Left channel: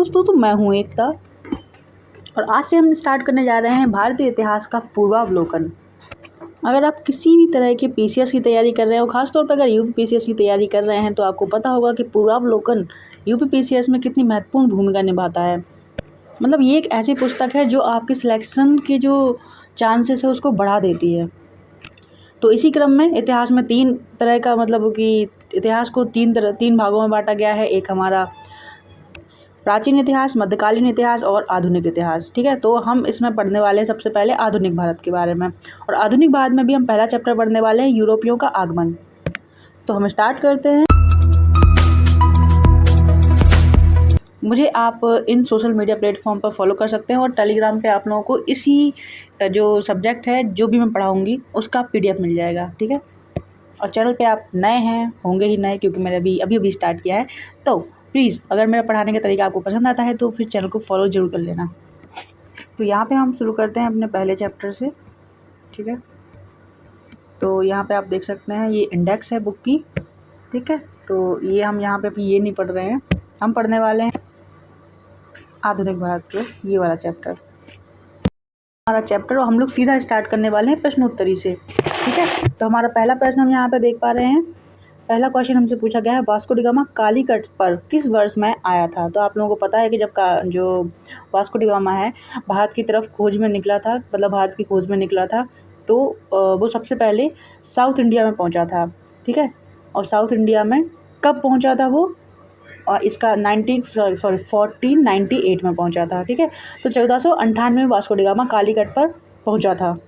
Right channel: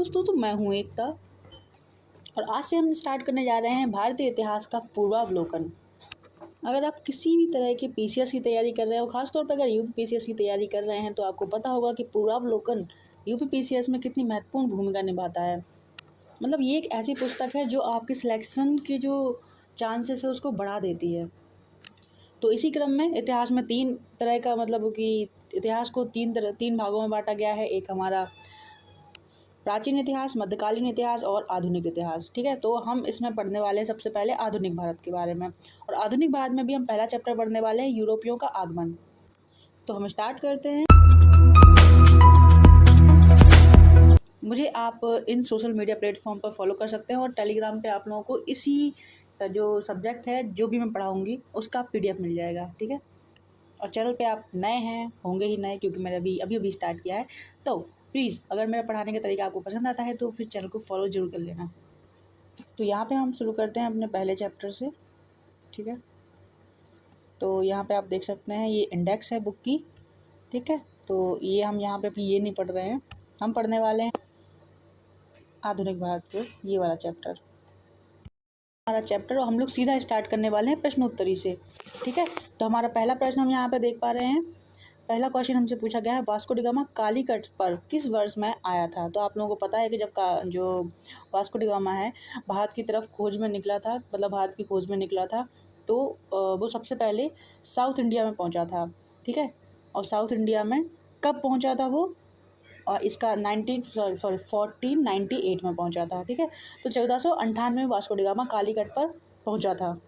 दोस्तों, तो मैं हूँ एकता और आज से हम स्टार्ट करने जा रहे हैं भारतीय इतिहास का पूर्वावलोकन। अगर आप किसी भी तरह के पीसीएस की तैयारी कर रहे हो, खासतौर पर अगर यूपी पीसीएस की तैयारी कर रहे हैं, तो आपको पता होगा कि पूर्वावलोकन यूपी पीसीएस में कितनी महत्वपूर्ण भूमिका निभाता है। मतलब ये एक ऐसी पुस्तक है जो आपके सिलेक्शन के जो चांसेस है उसको बढ़ा देती है। तो इसी क्रम में इतिहास में तीन तरह का मतलब कि इतिहास को तीन भागों में बांटा गया है। एक हमारा प्राचीन इतिहास, मध्यकालीन इतिहास और आधुनिक इतिहास। ठीक है, तो हम इसमें पढ़ने वाले हैं सबसे पहले आधुनिक भारत के बारे में, और आधुनिक भारत में भी हम पहला चैप्टर पढ़ने वाले हैं यूरोपियों का आगमन। तो हम स्टार्ट करते हैं। मुझे आप इन सोशल मीडिया प्लेटफॉर्म पर फॉलो कर सकते हैं और टेलीग्राम पे आप लोगों को इसी जो सब्जेक्ट है जो भी मैं पढ़ाऊँगी उसका PDF मिल जाएगा। ठीक है, और चैनल पे आप नए हैं, होंगे ही नए क्योंकि मैंने अभी स्टार्ट किया है, तो प्लीज़ अगर मेरा पढ़ाने का तरीका आपको पसंद आता है तो फिर चैनल को फॉलो ज़रूर कर लेना। तो यहाँ पे हम शुरू करते हैं अपने पहले चैप्टर से। ठीक है, तो यहाँ पे आप देख सकते हैं ये इंडेक्स है बुक की। ठीक है, तो ये हम यहाँ पे अभी ये नहीं पढ़ रहे हैं, हम पढ़ने वाले हैं आधुनिक भारत के ये वाला चैप्टर, हमारा चैप्टर, और हम लोग सीधा स्टार्ट करने वाले हैं प्रश्नोत्तरी से। ठीक है, तो हमारा पहला प्रश्न हम यहाँ पे देख पा रहे हैं। पहला क्वेश्चन हमसे पूछा गया है, वास्को डी गामा कालीकट पर किस वर्ष में आया था। तो आप लोगों को पता है कि जो वास्को डी गामा है भारत की तरफ खोज में निकला था, मतलब भारत की खोज में निकला था, तो वो सबसे पहले साउथ इंडिया में पहुंचा था। ठीक है, और साउथ इंडिया में कब पहुंचा था वो, और इसका 1498 में पहुंचा था। ठीक है, तो 1498 में वास्को डी गामा कालीकट पर पहुंचा था।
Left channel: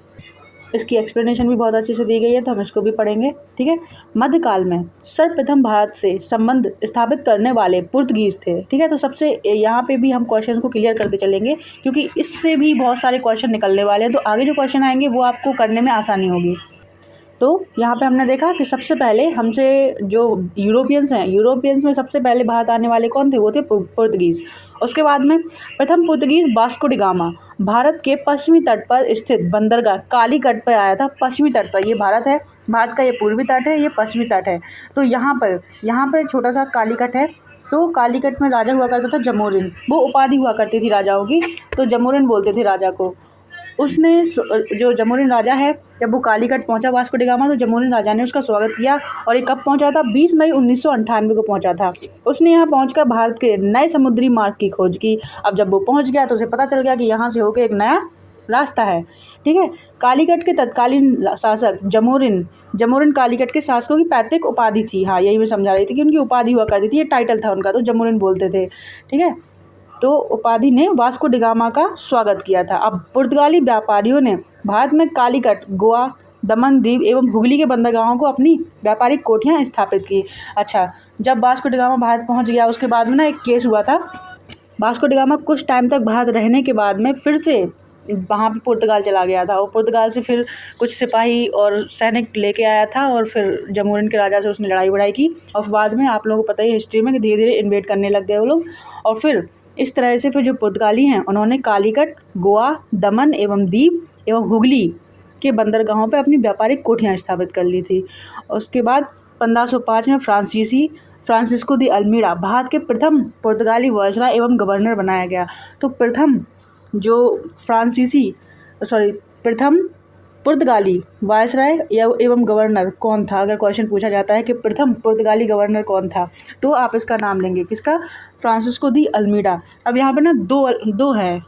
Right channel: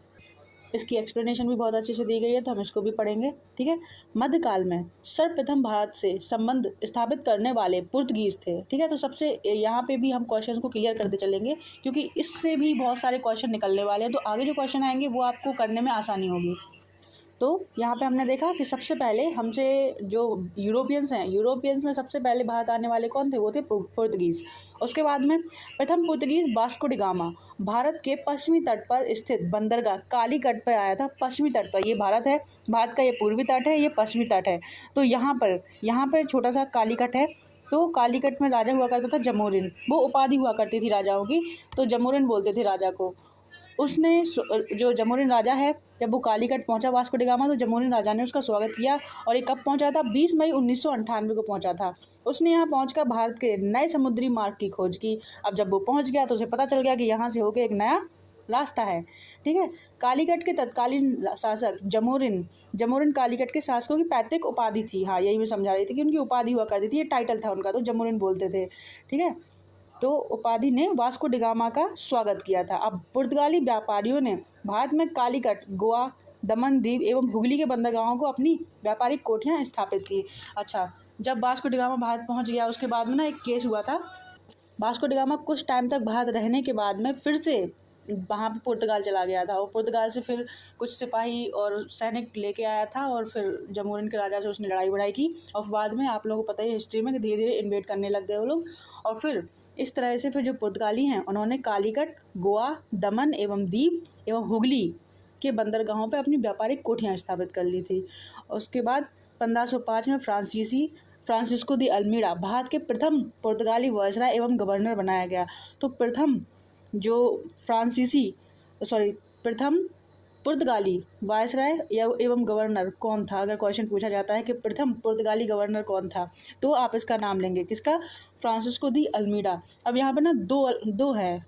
इसकी एक्सप्लेनेशन भी बहुत अच्छे से दी गई है, तो हम इसको भी पढ़ेंगे। ठीक है, मध्यकाल में सर्वप्रथम भारत से संबंध स्थापित करने वाले पुर्तगीज थे। ठीक है, तो सबसे यहाँ पे भी हम क्वेश्चन को क्लियर करते चलेंगे क्योंकि इससे भी बहुत सारे क्वेश्चन निकलने वाले हैं, तो आगे जो क्वेश्चन आएंगे वो आपको करने में आसानी होगी। तो यहाँ पे हमने देखा कि सबसे पहले हमसे जो यूरोपियंस हैं, यूरोपियंस में सबसे पहले भारत आने वाले कौन थे, वो थे पुर्तगीज़। उसके बाद में प्रथम Portuguese Vasco D gamma Bharat के पश्चिमी तट पर स्थित बंदरगाह कालीकट पर आया था। पश्चिमी तट पर, ये भारत है, भारत का ये पूर्वी तट है, ये पश्चिमी तट है। तो यहाँ पर छोटा सा कालीकट है। तो कालीकट में राजा हुआ करता था जमोरिन, वो उपाधि हुआ करती थी राजाओं की, तो जमोरिन बोलते थे राजा को। उसने जो जमोरिन राजा है, जब वो कालीकट पहुंचा वास्को डी गामा, तो जमोरिन राजा ने उसका स्वागत किया। और ये कब पहुंचा था, 20 मई 1998 को पहुंचा था। उसने यहाँ पहुंचकर भारत के नए समुद्री मार्ग की खोज की। अब जब वो पहुंच गया तो उसे पता चल गया कि यहाँ से होकर एक नया रास्ता है। ठीक है, कालीकट के तत्कालीन शासक जमोरिन कालीकट के शासकों की पैतृक उपाधि थी। हाँ, यही मैं समझा रही थी कि उनकी उपाधि हुआ करती थी, ये टाइटल था उनका, तो जमोरिन बोलते थे। ठीक है, तो उपाधि ने वास्को डी गामा का स्वागत किया था। अब पुर्तगाली व्यापारियों ने भारत में कालीकट, गोवा, दमन द्वीप एवं हुगली के बंदरगाहों को अपनी व्यापारिक कोठियाँ स्थापित की। अच्छा, जब वास्को डी गामा भारत पहुंच गया उसके बाद में ना एक केस हुआ था। वास्को डी गामा कुछ टाइम तक भारत रहने के बाद में फिर से वहाँ पे पुर्तगाल चला गया था, और पुर्तगाल से फिर कुछ सिपाही और सैनिक लेके आया था, और फिर जमोरिन के राजा से उसने लड़ाई वड़ाई की, और बाद में आप लोगों को पता ही हिस्ट्री में कि धीरे धीरे इन्वेड करने लग गए वो लोग। और फिर इस तरह से फिर जो पुर्तगाली हैं उन्होंने कालीकट, गोवा, दमन एवं दीव एवं हुगली के बंदरगाहों पर अपनी व्यापारिक कोठियाँ स्थापित कर ली थी। उसके बाद 1505 में फ्रांसिस्को दी अल्मीड़ा भारत के प्रथम पुर्तगाली वायसराय एवं गवर्नर बनाया गया। तो प्रथम पुर्तगाली वायसराय एवं गवर्नर कौन था, अगर क्वेश्चन पूछा जाता है कि प्रथम पुर्तगाली गवर्नर कौन था, तो आप इसका नाम लेंगे, किसका, फ्रांसिस्को दी अल्मीड़ा। अब यहाँ पे ना दो हैं,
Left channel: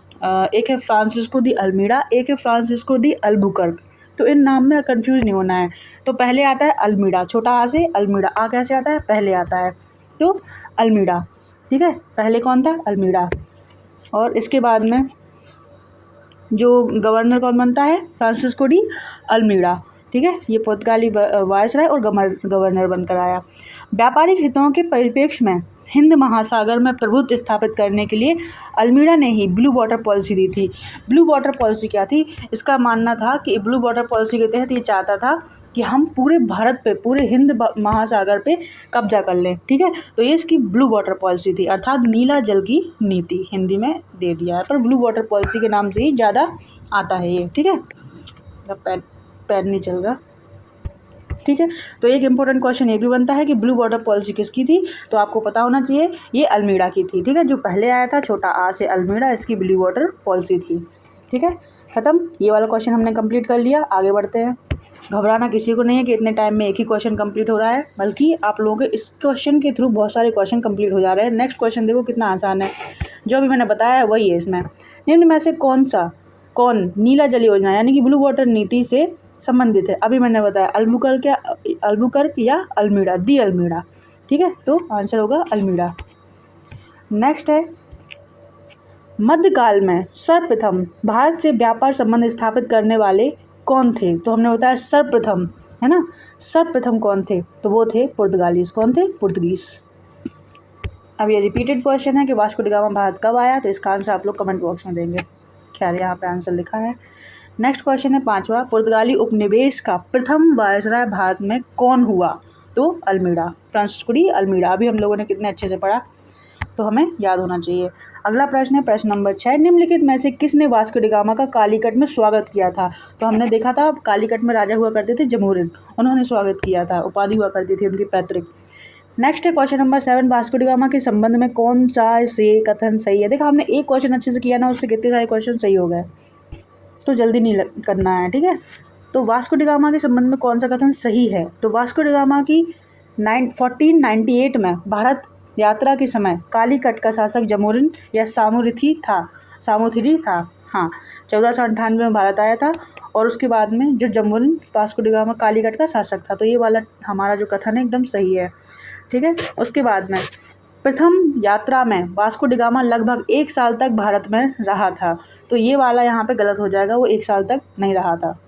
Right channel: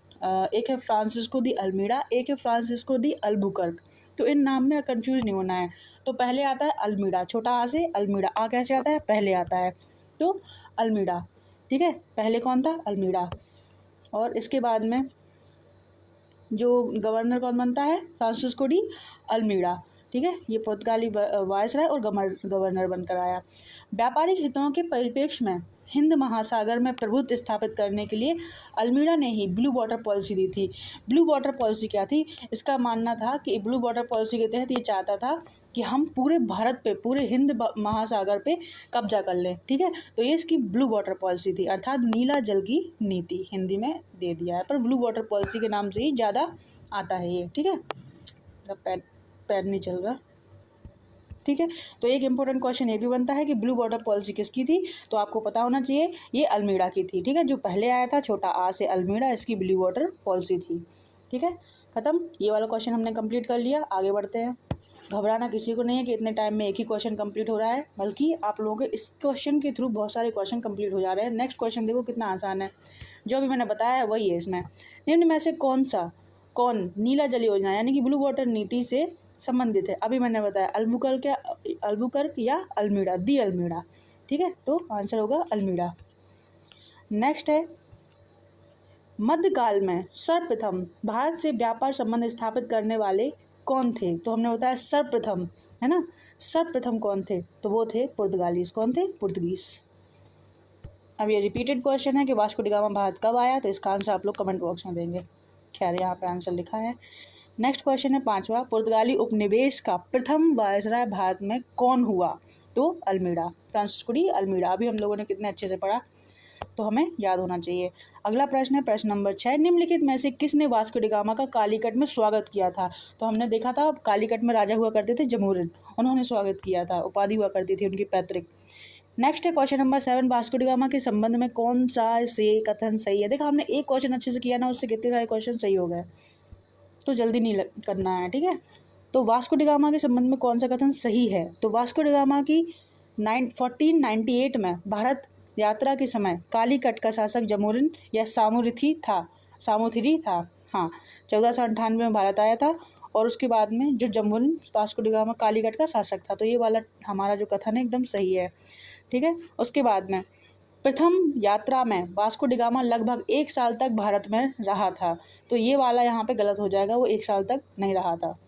एक है फ्रांसिस्को दी अल्मीड़ा, एक है फ्रांसिस्को दी अल्बुकर्क। तो इन नाम में कंफ्यूज नहीं होना है। तो पहले आता है अल्मीड़ा, छोटा आ से अल्मीड़ा, आ कैसे आता है, पहले आता है, तो अल्मीड़ा। ठीक है, पहले कौन था, अल्मीड़ा। और इसके बाद में जो गवर्नर कौन बनता है, फ्रांसिस्को डी अल्मीड़ा। ठीक है, ये पुर्तगाली वायसराय और गवर्नर बनकर आया। व्यापारिक हितों के परिप्रेक्ष्य में हिंद महासागर में प्रभुत्व स्थापित करने के लिए अल्मीड़ा ने ही ब्लू वाटर पॉलिसी दी थी। ब्लू वाटर पॉलिसी क्या थी, इसका मानना था कि ब्लू वाटर पॉलिसी के तहत ये चाहता था कि हम पूरे भारत पे, पूरे हिंद महासागर पे कब्जा कर लें। ठीक है, तो ये इसकी ब्लू वाटर पॉलिसी थी, अर्थात नीला जल की नीति हिंदी में दे दिया है, पर ब्लू वाटर पॉलिसी के नाम से ही ज़्यादा आता है ये। ठीक है, पैन नहीं चल रहा। ठीक है। तो एक इंपॉर्टेंट क्वेश्चन ये भी बनता है कि ब्लू वाटर पॉलिसी किसकी थी, तो आपको पता होना चाहिए ये अल्मीड़ा की थी। ठीक है, जो पहले आया था छोटा आ से अल्मीड़ा, इसकी ब्लू वाटर पॉलिसी थी। ठीक है, खत्म। ये वाला क्वेश्चन हमने कंप्लीट कर लिया। आगे बढ़ते हैं। घबराना किसी को नहीं है कि इतने टाइम में एक ही क्वेश्चन कंप्लीट हो रहा है, बल्कि आप लोगों के इस क्वेश्चन के थ्रू बहुत सारे क्वेश्चन कंप्लीट हो जा रहे हैं। नेक्स्ट क्वेश्चन देखो कितना आसान है, जो भी मैंने बताया है वही है इसमें। निम्न में से कौन नीला जल योजना यानी कि ब्लू वाटर नीति से संबंधित है? अभी मैंने बताया अल्बुकर्क या अल्मीड़ा, दी अल्मीड़ा। ठीक है, तो आंसर होगा अल्मीड़ा। नेक्स्ट है, मध्यकाल में सर्वप्रथम भारत से व्यापार संबंध स्थापित करने वाले कौन थे? तो हमने बताया सर्वप्रथम, है ना। सर्वप्रथम कौन थे? तो वो थे पुर्तगालीज। कौन थे? पुर्तगीज। अब ये रिपीटेड क्वेश्चन है कि वास्को डी गामा भारत कब आया, तो इसका आंसर आप लोग कमेंट बॉक्स में देंगे। खैर यहाँ पे आंसर लिखा है। नेक्स्ट क्वेश्चन है 5वां, पुर्तगाली उपनिवेश का प्रथम वायसराय भारत में कौन हुआ? तो अल्मीड़ा, फ्रांसिस्को डी अल्मीड़ा। अभी हम लोगों ने कितने अच्छे से पढ़ा, तो हमें याद होना चाहिए। अगला प्रश्न है प्रश्न नंबर 6, निम्नलिखित में से किसने वास्को डी गामा का कालीकट में स्वागत किया था? तो हमने देखा था कालीकट में राजा हुआ करते थे जमोरिन, उन्होंने स्वागत किया था, उपाधि हुआ करती थी उनकी पैतृक। नेक्स्ट है question number 7, Vasco D gamma के संबंध में कौन सा से कथन सही है? देखा हमने एक क्वेश्चन अच्छे से किया ना, उससे कितने सारे क्वेश्चन सही हो गए, तो जल्दी नहीं करना है। ठीक है, तो वास्को डी गामा के संबंध में कौन सा कथन सही है? तो वास्को डी गामा की 1498 में भारत यात्रा के समय कालीकट का शासक जमोरिन या सामोथिरी था। हाँ, 1498 में भारत आया था, और उसके बाद में जो Zamorin Vasco D gamma Calicut का शासक था। तो ये वाला हमारा जो कथन है एकदम सही है। ठीक है, उसके बाद में प्रथम यात्रा में वास्को डी गामा लगभग 1 साल तक भारत में रहा था। तो ये वाला यहाँ पे गलत हो जाएगा, वो 1 साल तक नहीं रहा था,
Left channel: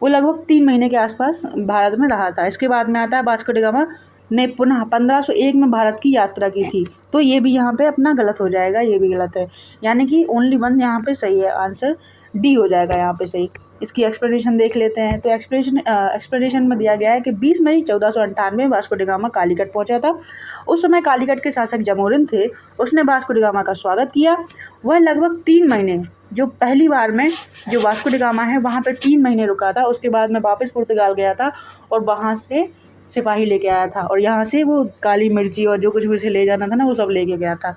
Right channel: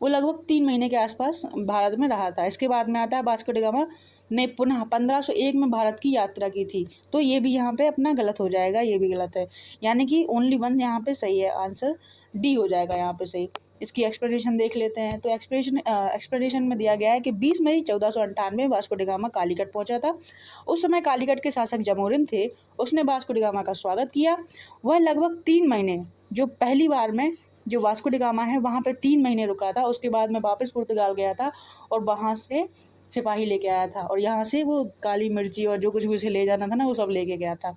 वो लगभग 3 महीने के आसपास भारत में रहा था। इसके बाद में आता है वास्को डी गामा ने पुनः 1501 में भारत की यात्रा की थी। तो ये भी यहाँ पे अपना गलत हो जाएगा, ये भी गलत है, यानी कि ओनली वन यहाँ पे सही है, आंसर डी हो जाएगा यहाँ पे सही। इसकी एक्सप्लेनेशन देख लेते हैं। तो एक्सप्लेनेशन में दिया गया है कि 20 मई 1498 में वास्को डी गामा कालीकट पहुंचा था। उस समय कालीकट के शासक जमोरिन थे, उसने वास्को डी गामा का स्वागत किया। वह लगभग 3 महीने, जो पहली बार में जो वास्को डी गामा है वहाँ पर 3 महीने रुका था। उसके बाद में वापस पुर्तगाल गया था और वहाँ से सिपाही लेके आया था, और यहाँ से वो काली मिर्ची और जो कुछ भी उसे ले जाना था ना, वो सब लेके गया था।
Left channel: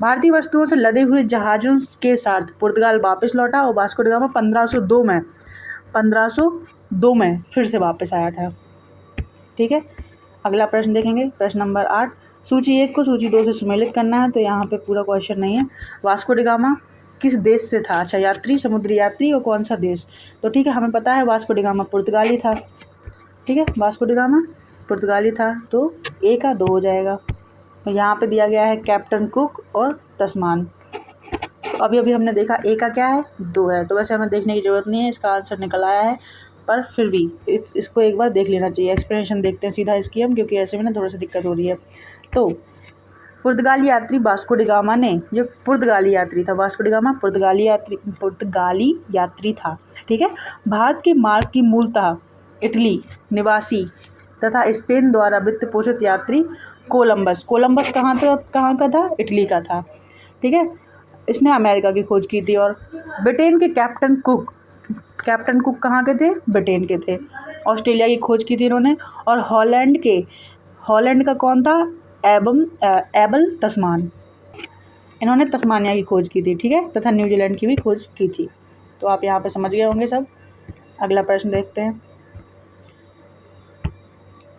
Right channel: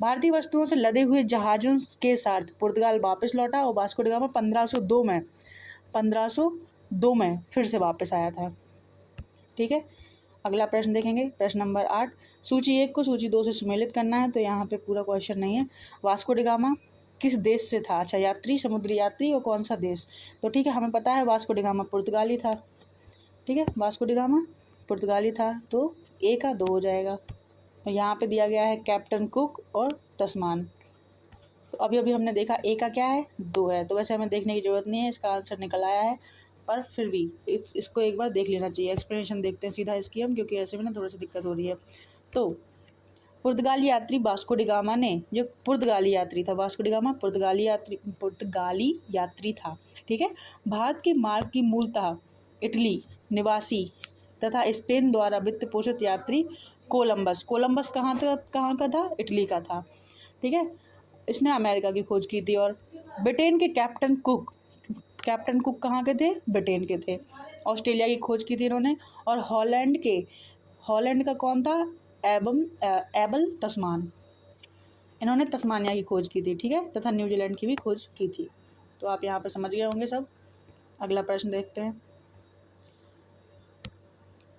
भारतीय वस्तुओं से लदे हुए जहाज़ों के साथ पुर्तगाल वापस लौटा, और वास्को डी गामा 1502 में फिर से वापस आया था। ठीक है, अगला प्रश्न देखेंगे, प्रश्न नंबर 8, सूची 1 को सूची 2 से सुमेलित करना है। तो यहाँ पे पूरा क्वेश्चन नहीं है। वास्को डी गामा किस देश से था? अच्छा, यात्री, समुद्री यात्री, और कौन सा देश? तो ठीक है, हमें पता है वास्को डी गामा पुर्तगाली था। ठीक है, वास्को डी गामा पुर्तगाली था, तो ए का 2 हो जाएगा। यहाँ पे दिया गया है कैप्टन कुक और तस्मान। तो अभी हमने देखा ए का क्या है, 2 है, तो वैसे हमें देखने की ज़रूरत नहीं है, इसका आंसर निकल आया है, पर फिर भी इसको एक बार देख लेना चाहिए। एक्सप्लेनेशन देखते हैं सीधा इसकी हम, क्योंकि ऐसे में ना थोड़ा सा दिक्कत हो रही है। तो पुर्तगाली यात्री वास्को डी गामा ने, जो पुर्तगाली यात्री था वास्को डी गामा पुर्तगाली यात्री था। ठीक है, भारत के मार्ग की मूलतः इटली निवासी तथा स्पेन द्वारा वित्त पोषित यात्री कोलंबस कहाँ का था? इटली का था। ठीक है, इसने अमेरिका की खोज की थी। और ब्रिटेन के कैप्टन कुक कहाँ के थे? ब्रिटेन के थे। ऑस्ट्रेलिया की खोज की थी इन्होंने। और हॉलैंड का कौन था? एबल तस्मान, इन्होंने तस्मानिया की खोज की थी। ठीक है, तथा न्यूजीलैंड की भी खोज की थी। तो आप यहाँ पे समझ गए होंगे सब। अगला प्रश्न देखते हैं।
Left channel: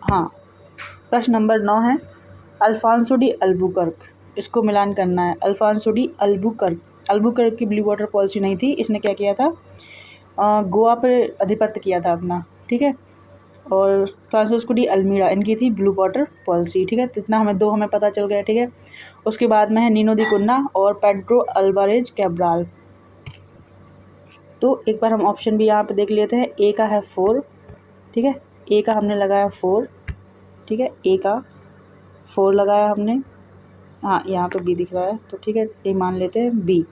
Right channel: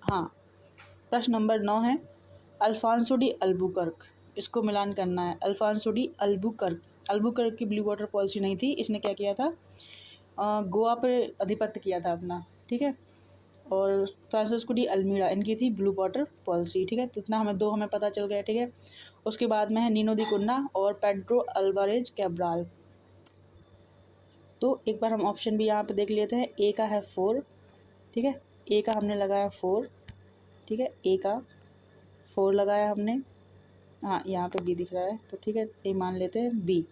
हाँ, प्रश्न नंबर 9 है, अल्फांसो डी अल्बुकर्क, इसको मिलान करना है। अल्फांसो डी अल्बुकर्क की ब्लू वाटर पॉलिसी नहीं थी। इसने क्या किया था? गोवा पर आधिपत्य किया था अपना। ठीक है, और फ्रांसिस्को डी अल्मीड़ा, इनकी थी ब्लू वाटर पॉलिसी। ठीक है, तो इतना हमें पता चल गया। ठीक है, उसके बाद में है नीनो दी कुन्ना और पेड्रो अल्वारेज कैब्राल। तो एक बार हम ऑप्शन भी यहाँ पे देख लेते हैं। ए का है 4। ठीक है, ए का हमने लगाया 4। ठीक है, ए का 4 लगाया हमने। हाँ, यहाँ पे बी दिख रहा है, तो ठीक है, ए मान लेते हैं बी।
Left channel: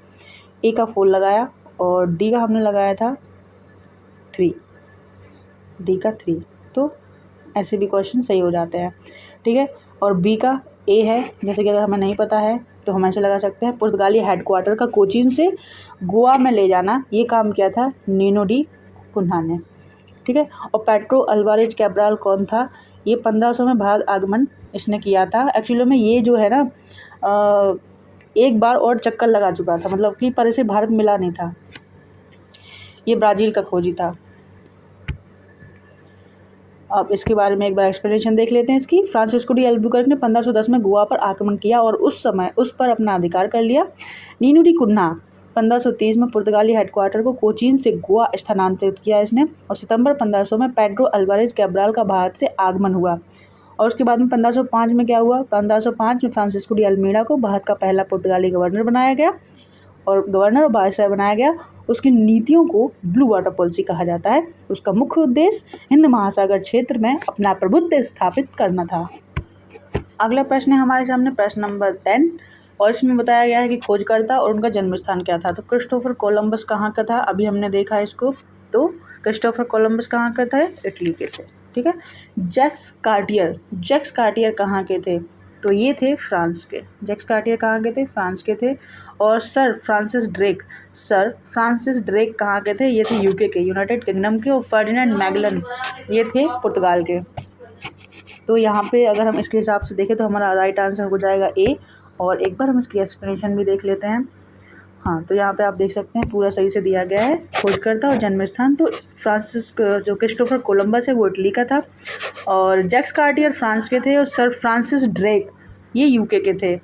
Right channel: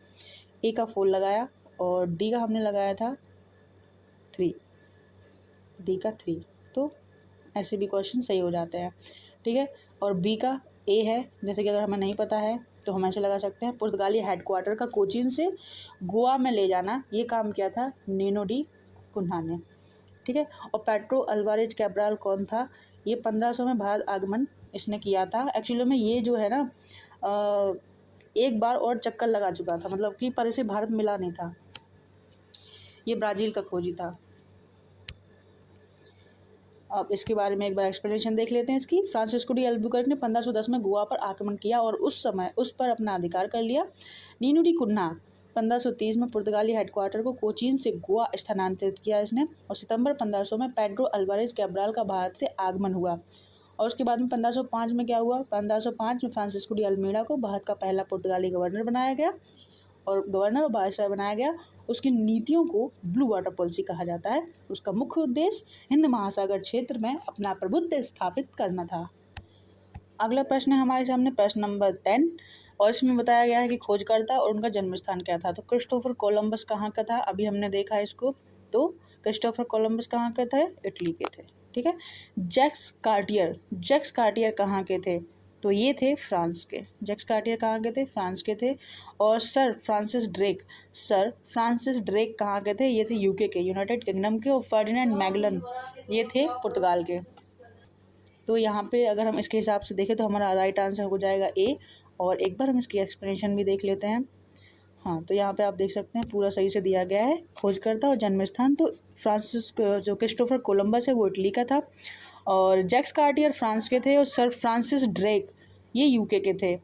ए का 4 लगाया, और डी का हमने लगाया था 3, डी का 3। तो ऐसे भी क्वेश्चन सही हो जाते हैं। ठीक है, और बी का ए है, जैसे कि अगर हमें नहीं पता है तो हम ऐसे लगा सकते हैं। पुर्तगाली हेडक्वार्टर का कोचीन से गोवा में ले जाना, ये काम किया था नीनो डी कुन्हा ने। ठीक है। और पेड्रो अल्वारेज कैब्राल कौन था? ये 1500 में भारत आगमन इसने किया था। एक्चुअली में ये जो है ना एक बार और चक्कर लगा चुका था, मतलब कि पर इसे भारत मिला नहीं था। ये ब्राज़ील का खोजी था। अब इसके बारे में एक बार एक्सप्लेनेशन देख लेते हैं इसकी। फ्रांसिस्को डी अल्बुकर्क ने 1510 में गोवा पर आक्रमण किया और उस समय उस पर अपना अधिकार कर लिया। नीनू डी कुन्हा 1530 में पुर्तगाली हेडक्वार्टर को कोचीन से गोवा स्थानांतरित किया इसने। और सितंबर 1500 में पेड्रो अल्वारेज कैब्राल का भारत से आगमन हुआ। और उसके बाद में 1505 में क्या हुआ? 1505 में फ्रांसिस्को डी अल्मीड़ा को भारत का पहला पुर्तगाली गवर्नर बनाया गया और गवर्नर और वायसराय बनाया गया। उसकी नीतियों को ब्लू वाटर पॉलिसी कहा जाता है। उसका मुख्य उद्देश्य हिंद महासागर क्षेत्र में अपना प्रभुत्व स्थापित करना था। अगला प्रश्न है हमारे सामने, प्रश्न नंबर 10, और इसमें बताया गया है कि खोजकर्ता और उनका जन्म स्थान क्या था। तो क्रिस्टोफर कोलंबस कहाँ का था? अभी हमने देखा इसको। तो क्रिस्टोफर कोलंबस कहाँ का था? इटली के थे। ठीक है। जैक्स कार्टियर कहाँ के थे? तो ये थे फ्रांस के। जैक्स कार्टियर कहाँ के थे? फ्रांस के थे। और सर फ्रांसिस ड्रेक कहाँ के थे? ये थे यूके के, यूनाइटेड किंगडम के। और फर्डिनेंड मैगलन ये थे पुर्तगाल के। तो यहाँ पे अगर हम इसके हिसाब से देखें तो हमारा राइट आंसर हो जाएगा ए। और एक बार हम इसकी एक्सप्लेनेशन भी देख लेते हैं। हाँ, तो यहाँ पे आप देख सकते हैं पूरा सही से दिया गया है। खोजकर्ता और जन्म स्थान तो जो क्रिस्टोफर कोलंबस है वो इटली का था, और जैक्स कार्टियर फ्रांस के थे, और सर फ्रांसिस ड्रेक ये यूके के थे।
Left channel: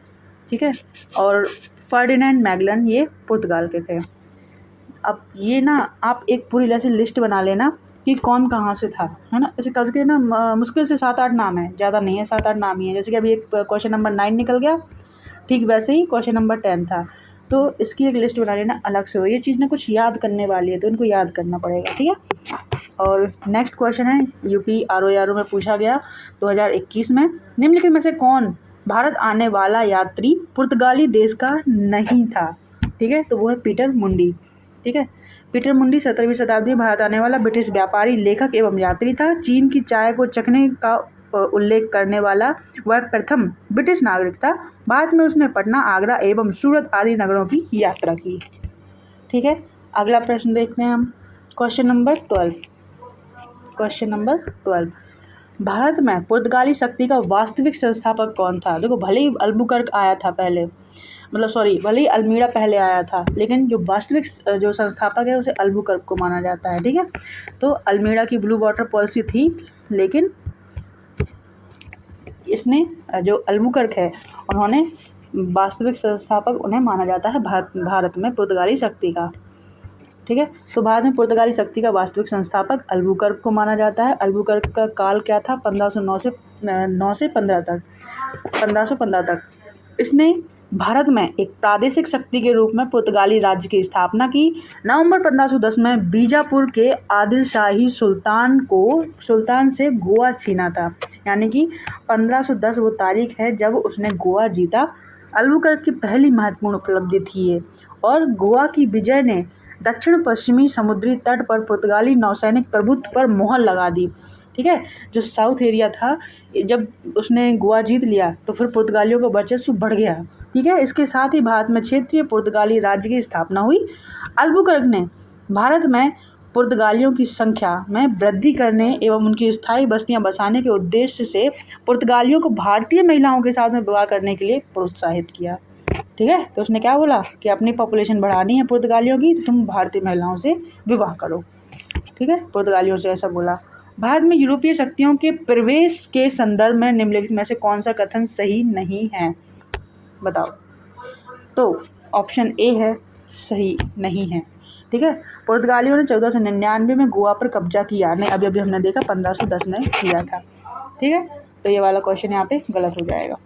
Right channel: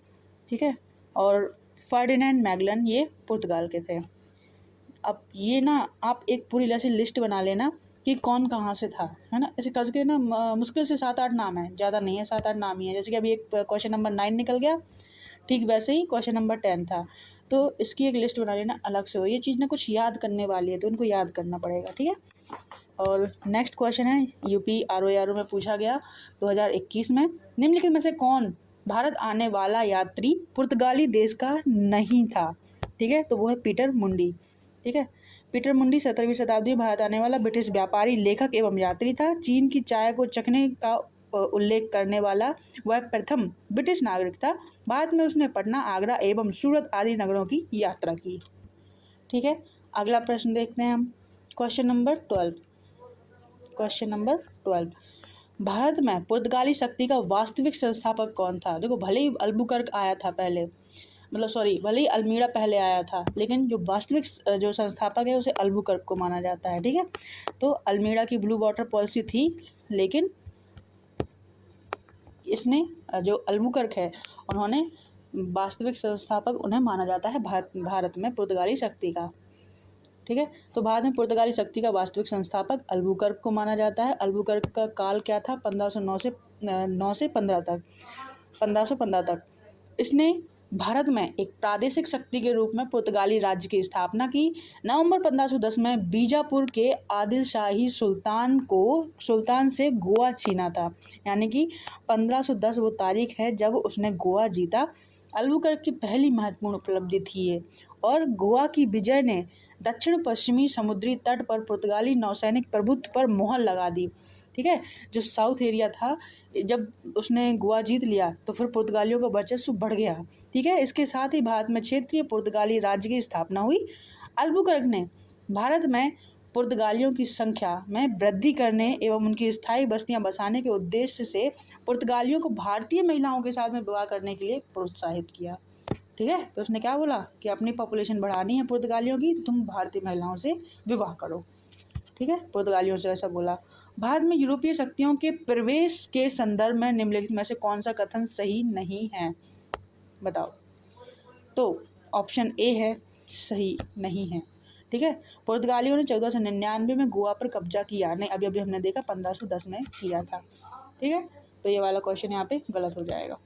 ठीक है। और फर्डिनेंड मैगलन ये पुर्तगाल के थे। अब ये ना आप एक पूरी ऐसी लिस्ट बना लेना कि कौन कहाँ से था, है ना। ऐसे करके ना मुश्किल से 7-8 नाम है, ज़्यादा नहीं है, 7-8 नाम ही है। जैसे कि अभी एक क्वेश्चन नंबर 9 निकल गया, ठीक वैसे ही क्वेश्चन नंबर 10 था। तो इसकी एक लिस्ट बना लेना अलग से हो। ये चीज़ ना कुछ याद करने वाली है तो इनको याद करना पड़ेगा। ठीक है। और नेक्स्ट क्वेश्चन है यूपी आरओ में पूछा गया 2021 में, निम्नलिखित में से कौन भारत आने वाला यात्री पुर्तगाली देश का नहीं था? ठीक है। तो वो है पीटर मुंडी। ठीक है। पीटर मुंडी 17वीं शताब्दी में भारत आने वाला ब्रिटिश व्यापारी, लेखक एवं यात्री था। चीन की चाय को चखने का उल्लेख करने वाला वह प्रथम ब्रिटिश नागरिक था। बाद में उसने पटना, आगरा एवं सूरत आदि नगरों की यात्रा की। ठीक है। अगला प्रश्न देखते हैं हम, क्वेश्चन नंबर 12। भारत में पुर्तगाली शक्ति का वास्तविक संस्थापक कौन था? देखो, भले ही अल्बुकर्क आया था पहले, भले ही अल्मीड़ा पहले आया था, लेकिन जो वास्तविक जो संस्थापक है उसे अल्बुकर्क को माना जाता है। ठीक है। तो अल्मीड़ा की ब्लू वाटर पॉलिसी थी, लेकिन इसने जो अल्बुकर्क है उन्होंने वास्तविक संस्थापक उन्हें माना जाता है भारत में पुर्तगाली शक्ति का। ठीक है। तो भारत में पुर्तगाली शक्ति का वास्तविक संस्थापक अल्बुकर्क को माना जाता है। अल्बुकर्क का काल क्या था? 1509 से 1515 तक इसने भारत में एक प्रादेशिक शक्ति के रूप में पुर्तगाली राज्य की स्थापना की। नवंबर 1510 में बीजापुर के आदिल शाही सुल्तान से गोवा छीना था, यानी कि 1510 वो तारीख है जब उसने गोवा जीता। अल्बुकर्क की पहली महत्वपूर्ण उपलब्धि थी ये, और गोवा की विजय ने दक्षिण पश्चिमी समुद्री तट पर पुर्तगाली नौसैनिक प्रभुत्व पर मोहर लगा दी। ठीक है। जो साउथ एरिया था, जब उसने गोवा जीत लिया तो फिर पुर्तगालियों का वर्चस्व बढ़ गया। ठीक है। इसके साथ ही भारत में क्षेत्रीय पुर्तगाली राज्य की स्थापना हुई। अल्बुकर्क ने भारत में पुर्तगालियों की संख्या में वृद्धि करने एवं उनकी स्थायी बस्तियां बसाने के उद्देश्य से पुर्तगालियों को भारतीय महिलाओं के साथ में विवाह करने के लिए प्रोत्साहित किया। ठीक है। तो उसने क्या बोला कि अपनी पॉपुलेशन बढ़ानी है पुर्तगालियों की, तो तुम भारतीय महिलाओं से विवाह करो। ठीक है। पुर्तगालियों से ऐसा बोला। भारत में यूरोपीय शक्तियों के प्रवेश के संदर्भ में निम्नलिखित में से कौन सा कथन सही नहीं है? बताओ। तो ऑप्शन ए है सही नहीं है। ठीक है। पुर्तगालियों ने 1499 में गोवा पर कब्जा किया, नहीं अभी हमने देखा 1510 में किया था। ठीक है। तो ये वाला क्वेश्चन यहाँ पे गलत हो जाएगा।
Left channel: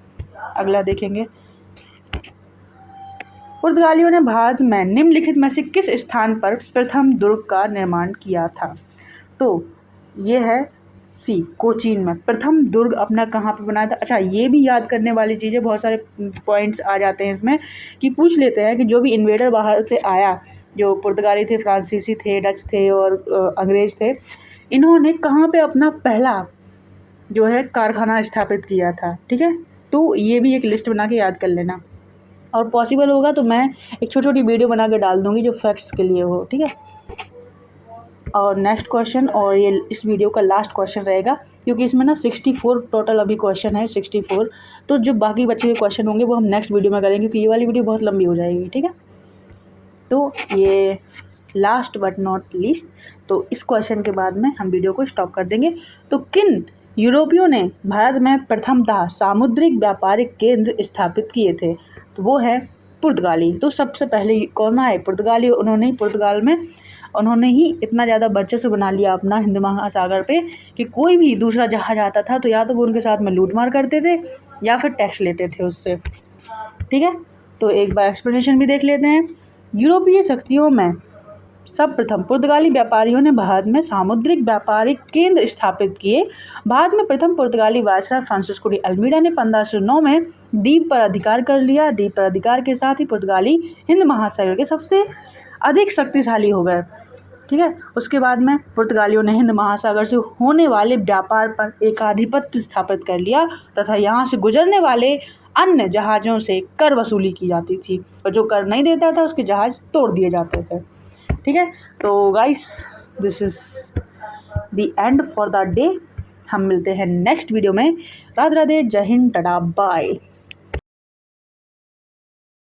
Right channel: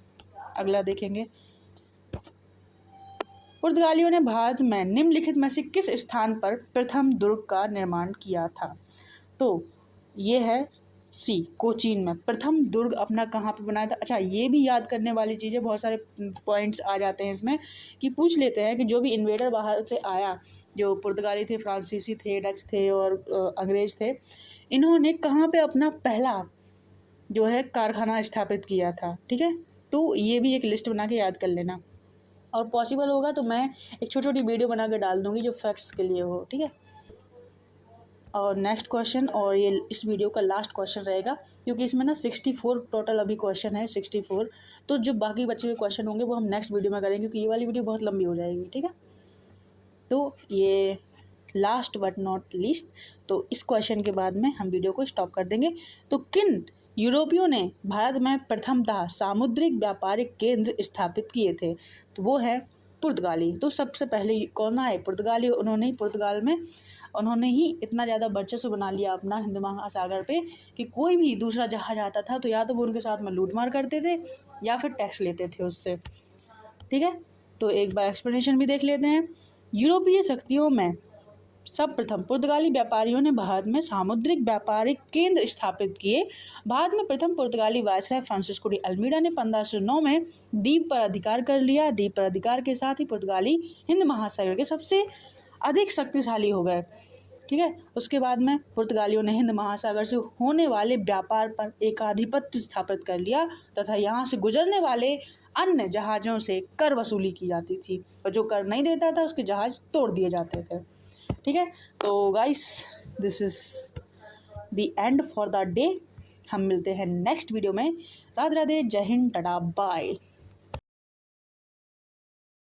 अगला देखेंगे, पुर्तगालियों ने भारत में निम्नलिखित में से किस स्थान पर प्रथम दुर्ग का निर्माण किया था? तो ये है सी, कोचीन में प्रथम दुर्ग अपना कहाँ पे बनाया था। अच्छा, ये भी याद करने वाली चीज़ है, बहुत सारे पॉइंट्स आ जाते हैं इसमें कि पूछ लेते हैं कि जो भी इन्वेडर बाहर से आया, जो पुर्तगाली थे, फ्रांसीसी थे, डच थे और अंग्रेज थे, इन्होंने कहाँ पे अपना पहला जो है कारखाना स्थापित किया था। ठीक है। तो ये भी एक लिस्ट बना के याद कर लेना, और पॉसिबल होगा तो मैं एक छोटी छोटी वीडियो बना के डाल दूँगी जो फैक्ट्स के लिए हो। ठीक है। और नेक्स्ट क्वेश्चन, और ये इस वीडियो का लास्ट क्वेश्चन रहेगा, क्योंकि इसमें ना 64 टोटल अभी क्वेश्चन है, 64। तो जो बाकी बचे हुए क्वेश्चन होंगे वो हम नेक्स्ट वीडियो में करेंगे, क्योंकि ये वाली वीडियो बहुत लंबी हो जाएगी, ठीक है। तो ये लास्ट बट नॉट लीस्ट, तो इस क्वेश्चन के बाद में हम वीडियो को स्टॉप कर देंगे। तो किन यूरोपियों ने भारत में प्रथमतः सामुद्रिक व्यापारिक केंद्र स्थापित किए थे? तो वो है पुर्तगाली। तो सबसे पहले कौन आए? पुर्तगाली। उन्होंने ही इतना ज़्यादा वर्चस्व बना लिया अपना हिंद महासागर पे कि कोई भी दूसरा जहाज आता था तो या तो वो उनके साथ में लूटमार करते थे या फिर टैक्स लेते थे उससे, ठीक है। तो एक बार एक्सप्लेनेशन भी देख लेते हैं। यूरोपीय शक्तियों में सर्वप्रथम पुर्तगाली व्यापारियों ने भारत में सामुद्रिक व्यापारिक केंद्र स्थापित किए। भारत में प्रथम पुर्तगाली वायसराय फ्रांसिस्को डी अल्मीडा ने 1509 में द्वीप पर अधिकार कर लिया। द्वीप पर अधिकार के साथ ही पुर्तगाली हिंद महासागर के सबसे अधिक शक्तिशाली हो गए, ठीक है। उसके बाद में पुर्तगालियों ने हिंद महासागर से होने वाले व्यापार पर एक आधिपत्य स्थापित कर लिया तथा यहाँ से गुजरने वाले अन्य जहाज़ों से कर वसूली की जाती थी, और जो कर नहीं देता था उसके जहाज़ तोड़ दिए जाते थे, ठीक है। तो guys, this is the end for the day. हम मिलते हैं नेक्स्ट वीडियो में। राधे राधे, जय हिंद, टाटा, बाय।